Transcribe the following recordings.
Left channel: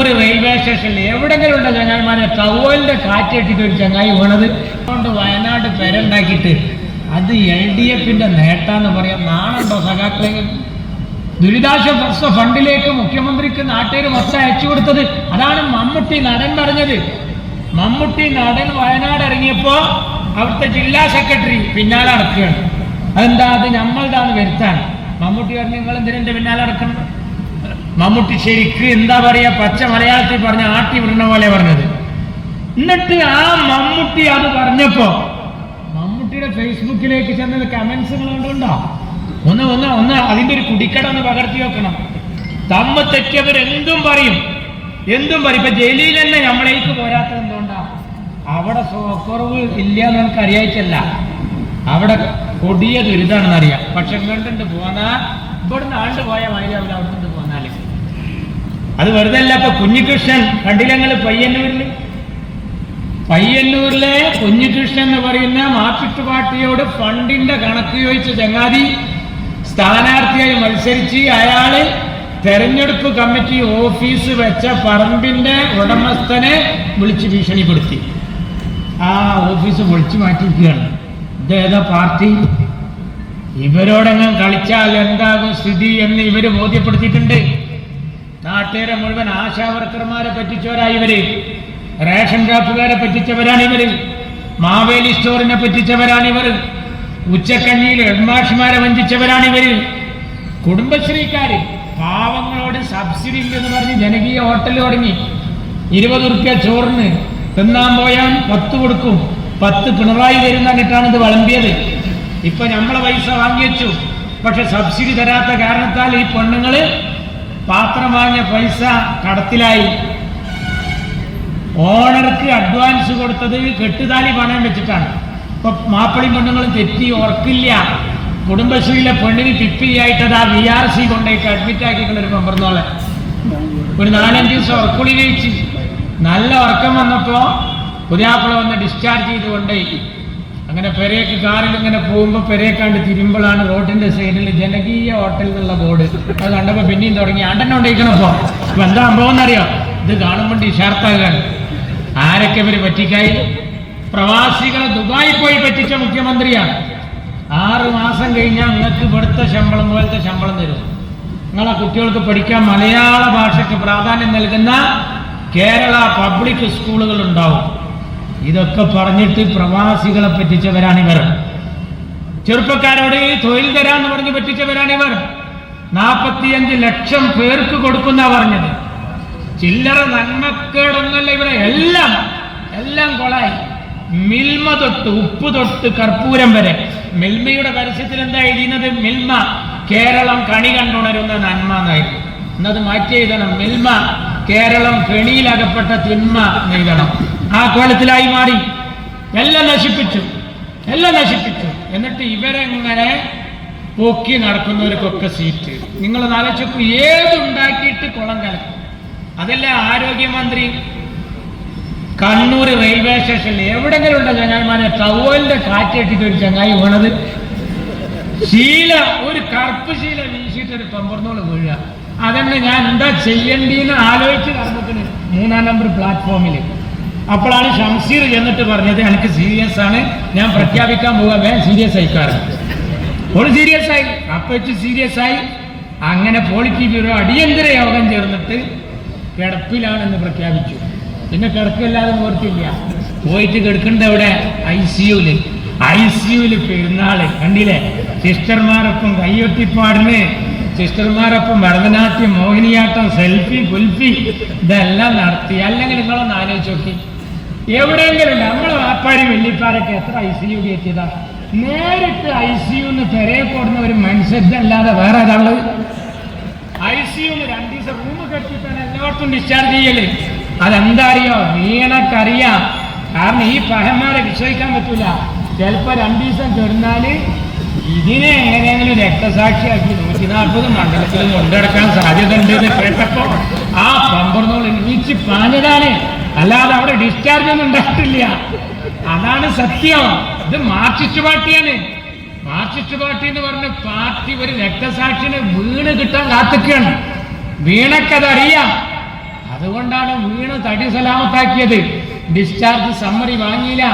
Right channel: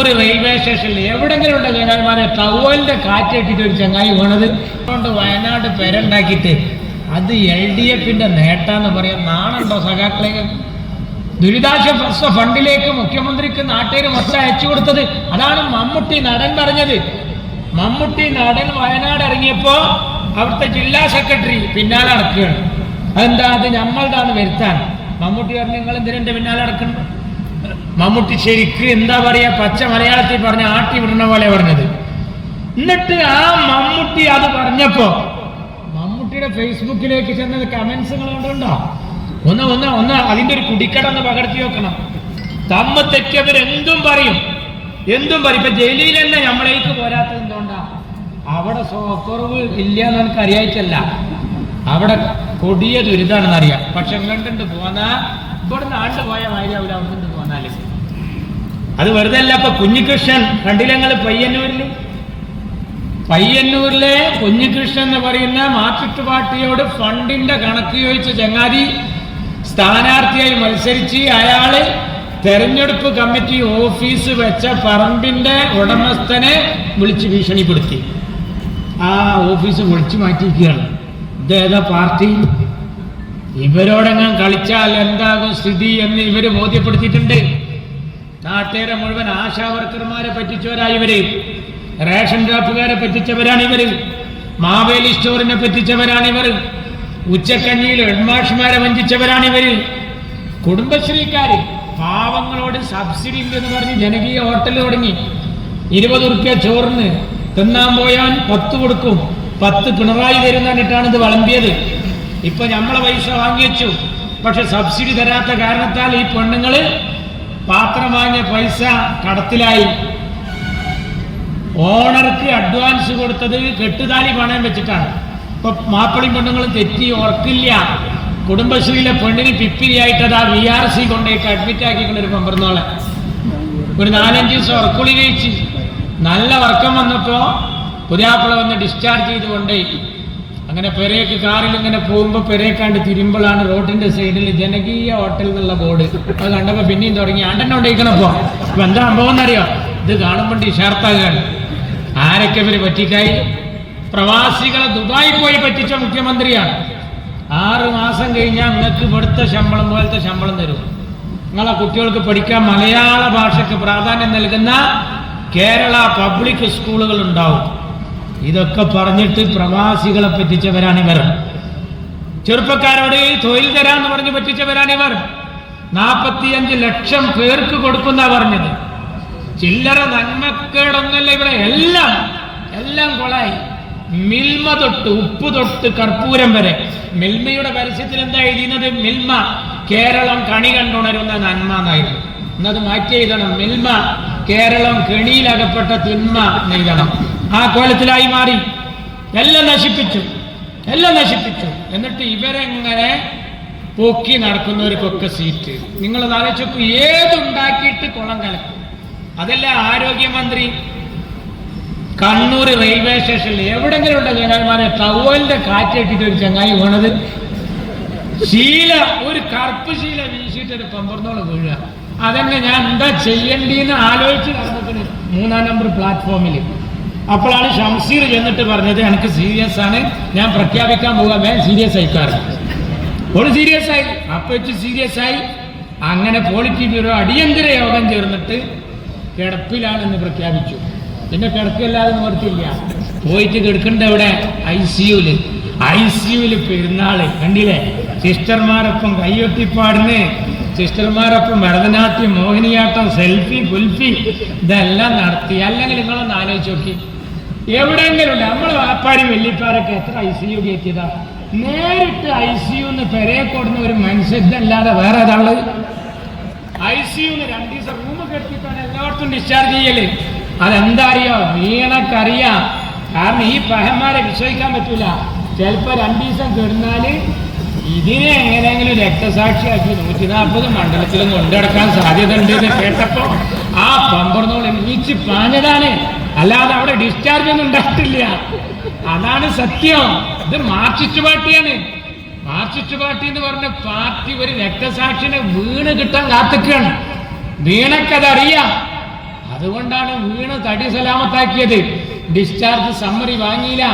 Kannur railway സ്റ്റേഷനിൽ എവിടെങ്കിലും ഉണ്ട് ചങ്ങായിമാരെ ടവലിന്റെ കാറ്റേറ്റിട്ട് ഒരു ചങ്ങായി വീണത് കൊണ്ട് വയനാട് പെരണ്ടാക്കിയിട്ട് അത് LDFന്റെ നേട്ടാന്ന് പറയാം. നാണുണ്ടോ സഖാക്കളെ? ദുരിതാശ്വാസ ഫണ്ടിലേക്ക് മുഖ്യമന്ത്രിക്ക് നാട്ടുകാർ മൊത്തം അയച്ചു കൊടുത്തത്. അതാണ് മമ്മൂട്ടി നടൻ പറഞ്ഞത്. മമ്മൂട്ടി നടൻ വയനാട് ഇറങ്ങിയപ്പോ അവിടുത്തെ ജില്ലാ സെക്രട്ടറി പിന്നാലെ നടക്കുകയാണ്. അതെന്താ? അത് നമ്മളുതാണ് വരുത്താൻ. മമ്മൂട്ടി പറഞ്ഞു നിങ്ങൾ എന്തിനെ പിന്നാലെ നടക്കണം? മമ്മൂട്ടി ശരിക്ക് എന്താ പറയാ, പച്ച മലയാളത്തിൽ പറഞ്ഞ ആട്ടി വിടുന്ന പോലെ പറഞ്ഞത്. എന്നിട്ട് ആ മമ്മൂട്ടി അത് പറഞ്ഞപ്പോ മമ്മൂട്ടിയുടെ ഫേസ്ബുക്കിലേക്ക് ചെന്നത് കമന്റ്സുകൾ കൊണ്ടുണ്ടോ? ഒന്ന് അതിന്റെ ഒരു കുടിക്കടന്ന് പകർത്തി വെക്കണം. തമ്മ തെറ്റിയവരെന്തും പറയും. ഇപ്പൊ ജയിലിൽ തന്നെ നമ്മളേക്ക് പോരാത്തത് എന്തുകൊണ്ടാ? അവിടെ കുറവ് ഇല്ല എന്ന് നമുക്ക് അറിയാച്ചല്ല, അവിടെ കൊടിയ ദുരിതാണെന്ന് അറിയാം. പക്ഷെ ഇങ്ങോട്ടുണ്ട് പോന്നാ ഇവിടുന്ന് ആണ്ട് പോയ വായിലാവില്ല, അവിടെ പോന്നാല് അത് വെറുതെ അല്ല. ഇപ്പൊ കുഞ്ഞികൃഷ്ണൻ കണ്ടില്ല ഞങ്ങൾ പയ്യന്നൂരിലെ കുഞ്ഞികൃഷ്ണൻ എന്ന് പറയുന്ന മാർക്സിസ്റ്റ് പാർട്ടിയോട് ഫണ്ടിന്റെ കണക്ക് ചോദിച്ച ചങ്ങാതി സ്ഥാനാർത്ഥിയായി മത്സരിച്ച് അയാള് തെരഞ്ഞെടുപ്പ് കമ്മിറ്റി ഓഫീസ് വെച്ച പറമ്പിന്റെ ഉടമസ്ഥനെ വിളിച്ച് ഭീഷണിപ്പെടുത്തി. ആ ഓഫീസ് വിളിച്ചു മാറ്റിയിരിക്കുകയാണ്. ഇതേതാ പാർട്ടി? ഇവരോടെങ്ങനെ കളിച്ചാൽ എന്താകും സ്ഥിതി എന്ന് ഇവര് ബോധ്യപ്പെടുത്തിയിട്ടുണ്ട്. നാട്ടുകാരെ മുഴുവൻ ആശാവർക്കർമാരെ പറ്റിച്ചവരായി ഇവര്, റേഷൻ ഷാപ്പുകാരെ പറ്റിച്ചവരാണ് ഇവര്, മാവേലി സ്റ്റോറിനെ പറ്റിച്ചവരാണ് ഇവർ, ഉച്ചക്കഞ്ഞിയിൽ ഹെഡ്മാഷ്മാരെ വഞ്ചിച്ചവരാണ് ഇവര്, കുടുംബശ്രീക്കാര് പാവങ്ങളോട് സബ്സിഡി ഇല്ലെന്ന് പറഞ്ഞ് ജനകീയ ഹോട്ടൽ തുടങ്ങി. 20 ഉറുപ്പ്യ ചോറിന് തിന്നാൻ പോയാൽ 10 കൊടുക്കും, 10 പിണറായി തരും എന്നിട്ടാണ് ഇത് വളമ്പിയത്. ഇപ്പൊ നമ്മളെ പൈസ വാങ്ങി വെച്ചു. പക്ഷെ സബ്സിഡി തരാത്ത കാരണത്താൽ ഈ പെണ്ണുങ്ങള് പാത്രം വാങ്ങിയ പൈസ കടത്തിലായി. ഓണർക്ക് അഡ്വാൻസ് കൊടുത്തത് കെട്ടുതാലി പണയം വെച്ചിട്ടാണ്. ഇപ്പൊ മാപ്പിളയും പെണ്ണുങ്ങളും തെറ്റി ഓർക്കില്ല. കുടുംബശ്രീയിലെ പെണ്ണിന് പിപ്പിരിയായിട്ടത് ആ VRC കൊണ്ടേക്ക് അഡ്മിറ്റ് ആക്കിക്കൊണ്ട് ഒരു പമ്പർന്നോളെ ഒരു 4-5 ദിവസം ഉറക്കുളി കഴിച്ച് നല്ല ഉറക്കം വന്നപ്പോ പുതിയാപ്പിള വന്ന് ഡിസ്ചാർജ് ചെയ്തുകൊണ്ടേ. അങ്ങനെ പെരേക്ക് കാറിൽ ഇങ്ങനെ പോകുമ്പോ പെരേക്കാണ്ട് തിരുമ്പോഴാണ് റോഡിന്റെ സൈഡിൽ ജനകീയ ഹോട്ടൽ എന്നുള്ള ബോർഡ്. അത് കണ്ടപ്പോ പിന്നെയും തുടങ്ങി ആണ്ടന്നെ കൊണ്ടിരിക്കണപ്പോ. അപ്പൊ എന്താ സംഭവം എന്നറിയോ? ഇത് കാണുമ്പോൾ ഷാർത്താകാണ്. ആരൊക്കെ ഇവര് പറ്റിക്കായി? പ്രവാസികളെ ദുബായി പോയി പറ്റിച്ച മുഖ്യമന്ത്രിയാണ്. 6 മാസം കഴിഞ്ഞാൽ നിങ്ങൾക്ക് ഇവിടുത്തെ ശമ്പളം പോലത്തെ ശമ്പളം തരും. നിങ്ങളെ കുട്ടികൾക്ക് പഠിക്കാൻ മലയാള ഭാഷയ്ക്ക് പ്രാധാന്യം നൽകുന്ന കേരള പബ്ലിക് സ്കൂളുകൾ ഉണ്ടാവും. ഇതൊക്കെ പറഞ്ഞിട്ട് പ്രവാസികളെ പറ്റിച്ചവരാണിവർ. ചെറുപ്പക്കാരോട് തൊഴിൽ തരാന്ന് പറഞ്ഞ് പറ്റിച്ചവരാണിവർ. 45 ലക്ഷം പേർക്ക് കൊടുക്കുന്ന പറഞ്ഞത്. ചില്ലറ നന്മക്കേടൊന്നല്ല ഇവിടെ. എല്ലാം കൊളായി. മിൽമ തൊട്ട് ഉപ്പ് തൊട്ട് കർപ്പൂരം വരെ. മിൽമയുടെ പരസ്യത്തിൽ എന്താ എഴുതുന്നത്? മിൽമ കേരളം കണി കണ്ടുണരുന്ന നന്മ എന്നായിരുന്നു. എന്നത് മാറ്റി എഴുതണം. മിൽമ കേരളം കെണിയിലകപ്പെട്ട തിന്മ എന്നെഴുതണം. ആ കോലത്തിലായി മാറി. എല്ലാം നശിപ്പിച്ചു. എന്നിട്ട് ഇവരെങ്ങനെ പൊക്കി നടക്കുന്നവർക്കൊക്കെ സീറ്റ്. നിങ്ങൾ ആലോചിച്ചു ഏതുണ്ടാക്കിയിട്ട് കുളം കലക്കും. അതല്ലേ ആരോഗ്യമന്ത്രി കണ്ണൂർ റെയിൽവേ സ്റ്റേഷനിൽ എവിടെങ്കിലും ഉണ്ട് ചങ്ങായിമാരെ ടവലിന്റെ കാറ്റേറ്റിട്ട് ഒരു ചങ്ങായി വീണത്. ഒരു കറുപ്പ് ശീല വീശിയിട്ട് ഒരു പമ്പർന്നോള് വീഴുക. അതന്നെ ഞാൻ എന്താ ചെയ്യേണ്ടിന്ന് ആലോചിച്ച് നടന്നതിന് 3-ാം നമ്പർ പ്ലാറ്റ്ഫോമിൽ. അപ്പോഴാണ് ഷംസീർ ചെന്നിട്ട് പറഞ്ഞത് എനിക്ക് സീരിയസ് ആണ്, ഞാൻ പ്രഖ്യാപിക്കാൻ പോകാൻ. വേഗം സീരിയസ് ആയിക്കാറ്. ഒരു സീരിയസ് ആയി. അപ്പൊ സീരിയസ് ആയി. അങ്ങനെ പോളിറ്റി ബ്യൂറോ അടിയന്തര യോഗം ചേർന്നിട്ട് കിടപ്പിലാണെന്ന് പ്രഖ്യാപിച്ചു. പിന്നെ കിടക്കല്ലാതെ നിവർത്തില്ല. പോയിട്ട് കിടക്കണ്ട എവിടെ? ICUല് പെരുന്നാള് കണ്ടില്ലേ? സിസ്റ്റർമാരൊപ്പം കയ്യൊട്ടിപ്പാടിന്, സിസ്റ്റർമാരൊപ്പം ഭരതനാട്യം, മോഹിനിയാട്ടം, സെൽഫി, കുൽഫി ഇതെല്ലാം നടത്തി. അല്ലെങ്കിൽ നിങ്ങളൊന്ന് ആലോചിച്ച് നോക്കി. എവിടെയെങ്കിലും നമ്മളെ വാപ്പാരും വെല്ലിപ്പാരൊക്കെ എത്ര ICU കയറ്റിയതാ? നേരിട്ട് ICUന്ന് പെരയെ കൂടുന്ന ഒരു മനുഷ്യല്ലാതെ വേറെ ഒരാള് ICUന്ന് 2 ദിവസം 3 കെട്ടിട്ടാണ് എല്ലായിടത്തും ഡിസ്ചാർജ് ചെയ്യല്. അതെന്താ അറിയോ? വീണക്കറിയാം. കാരണം ഈ പഹന്മാരെ വിശ്വസിക്കാൻ പറ്റൂല. ചിലപ്പോ 2 ദിവസം കിടന്നാല് ഇതിനെ എങ്ങനെയെങ്കിലും രക്തസാക്ഷിയാക്കി 140 മണ്ഡലത്തിൽ കൊണ്ടുനടക്കാൻ സാധ്യത ഉണ്ട് എന്ന് കേട്ടപ്പോ ആ പമ്പർന്നോൾ എണീച്ച് പാഞ്ഞതാണ്. അല്ലാതെ അവിടെ ഡിസ്ചാർജ് ഒന്നും ഉണ്ടായിട്ടില്ല. അതാണ് സത്യം. ഇത് മാർക്സിസ്റ്റ് പാർട്ടിയാണ്. മാർക്സിസ്റ്റ് പാർട്ടി എന്ന് പറഞ്ഞ പാർട്ടി ഒരു രക്തസാക്ഷിനെ വീണ് കിട്ടാൻ കാത്തിക്കുകയാണ്. വീണക്കതറിയാം. അതുകൊണ്ടാണ് വീണ് തടി സലാമത്താക്കിയത്. ഡിസ്ചാർജ് സമ്മറി വാങ്ങിയില്ല,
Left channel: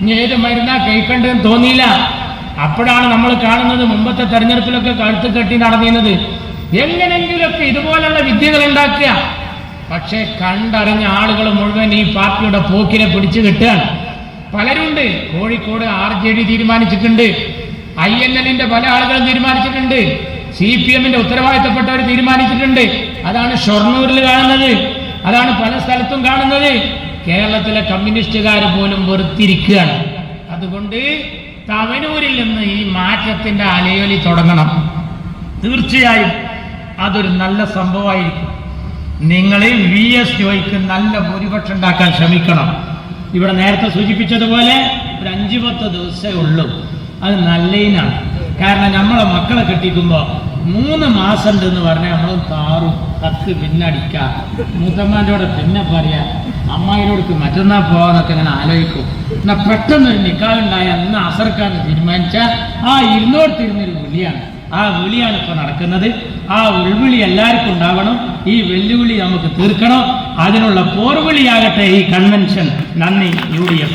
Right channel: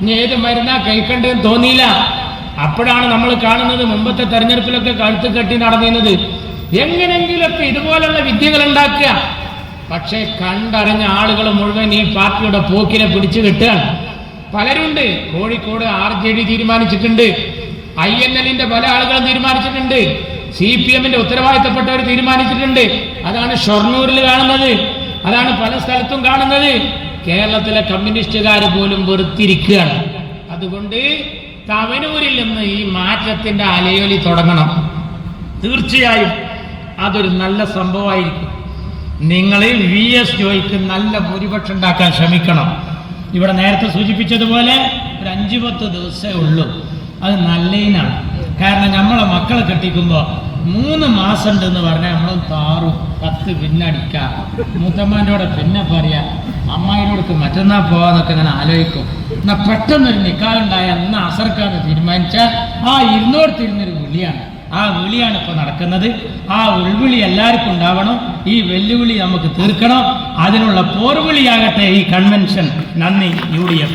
ഇനി ഏത് മരുന്നാ കഴിക്കേണ്ടതെന്ന് തോന്നിയില്ല. അപ്പോഴാണ് നമ്മൾ കാണുന്നത് മുമ്പത്തെ തെരഞ്ഞെടുപ്പിലൊക്കെ കഴുത്ത് കെട്ടി നടന്നിരുന്നത്. എങ്ങനെങ്കിലൊക്കെ ഇതുപോലുള്ള വിദ്യകൾ ഉണ്ടാക്കുക. പക്ഷെ കണ്ടറിഞ്ഞ ആളുകൾ മുഴുവൻ ഈ പാർട്ടിയുടെ പോക്കിനെ പിടിച്ചു കിട്ടുകയാണ്. പലരുണ്ട്. കോഴിക്കോട് RJD തീരുമാനിച്ചിട്ടുണ്ട്, INL പല ആളുകളും തീരുമാനിച്ചിട്ടുണ്ട്, CPM ഉത്തരവാദിത്തപ്പെട്ടവർ തീരുമാനിച്ചിട്ടുണ്ട്. അതാണ് ഷൊർണൂരിൽ കാണുന്നത്, അതാണ് പല സ്ഥലത്തും കാണുന്നത്. കേരളത്തിലെ കമ്മ്യൂണിസ്റ്റുകാർ പോലും വെറുത്തിരിക്കുകയാണ്. അതുകൊണ്ട് തവനൂരിൽ നിന്ന് ഈ മാറ്റത്തിന്റെ അലയൊലി തുടങ്ങണം. തീർച്ചയായും അതൊരു നല്ല സംഭവമായിരിക്കും. നിങ്ങൾ VS ജോയിക്ക് നല്ല ഭൂരിപക്ഷം ഉണ്ടാക്കാൻ ശ്രമിക്കണം. ഇവിടെ നേരത്തെ സൂചിപ്പിച്ചതുപോലെ ഒരു 5-10 ദിവസമേ ഉള്ളൂ. അത് നല്ലതിനാണ്. കാരണം നമ്മളെ മക്കളെ കെട്ടിക്കുമ്പോൾ 3 മാസം ഉണ്ടെന്ന് പറഞ്ഞാൽ നമ്മളും താറും കത്ത് പിന്നടിക്കാം. മൂത്തമ്മാൻ്റെ പിന്നെ പറയാം, അമ്മായിയോടൊക്കെ മറ്റന്നാൾ പോകാന്നൊക്കെ ഞാൻ ആലോചിക്കും. എന്നാൽ പെട്ടെന്നൊരു നിക്കാഹുണ്ടായ അന്ന് അസർക്കാന്ന് തീരുമാനിച്ചാൽ ആ ഇരുന്നൊരു വിളിയാണ്. ആ വിളിയാണ് ഇപ്പൊ നടക്കുന്നത്. ആ ഉൾവിളി എല്ലാവർക്കും ഉണ്ടാവണം. ഈ വെല്ലുവിളി നമുക്ക് തീർക്കണം. അതിനുള്ള പോർവിളിയാകട്ടെ ഈ കൺവെൻഷൻ. നന്ദി. UDF.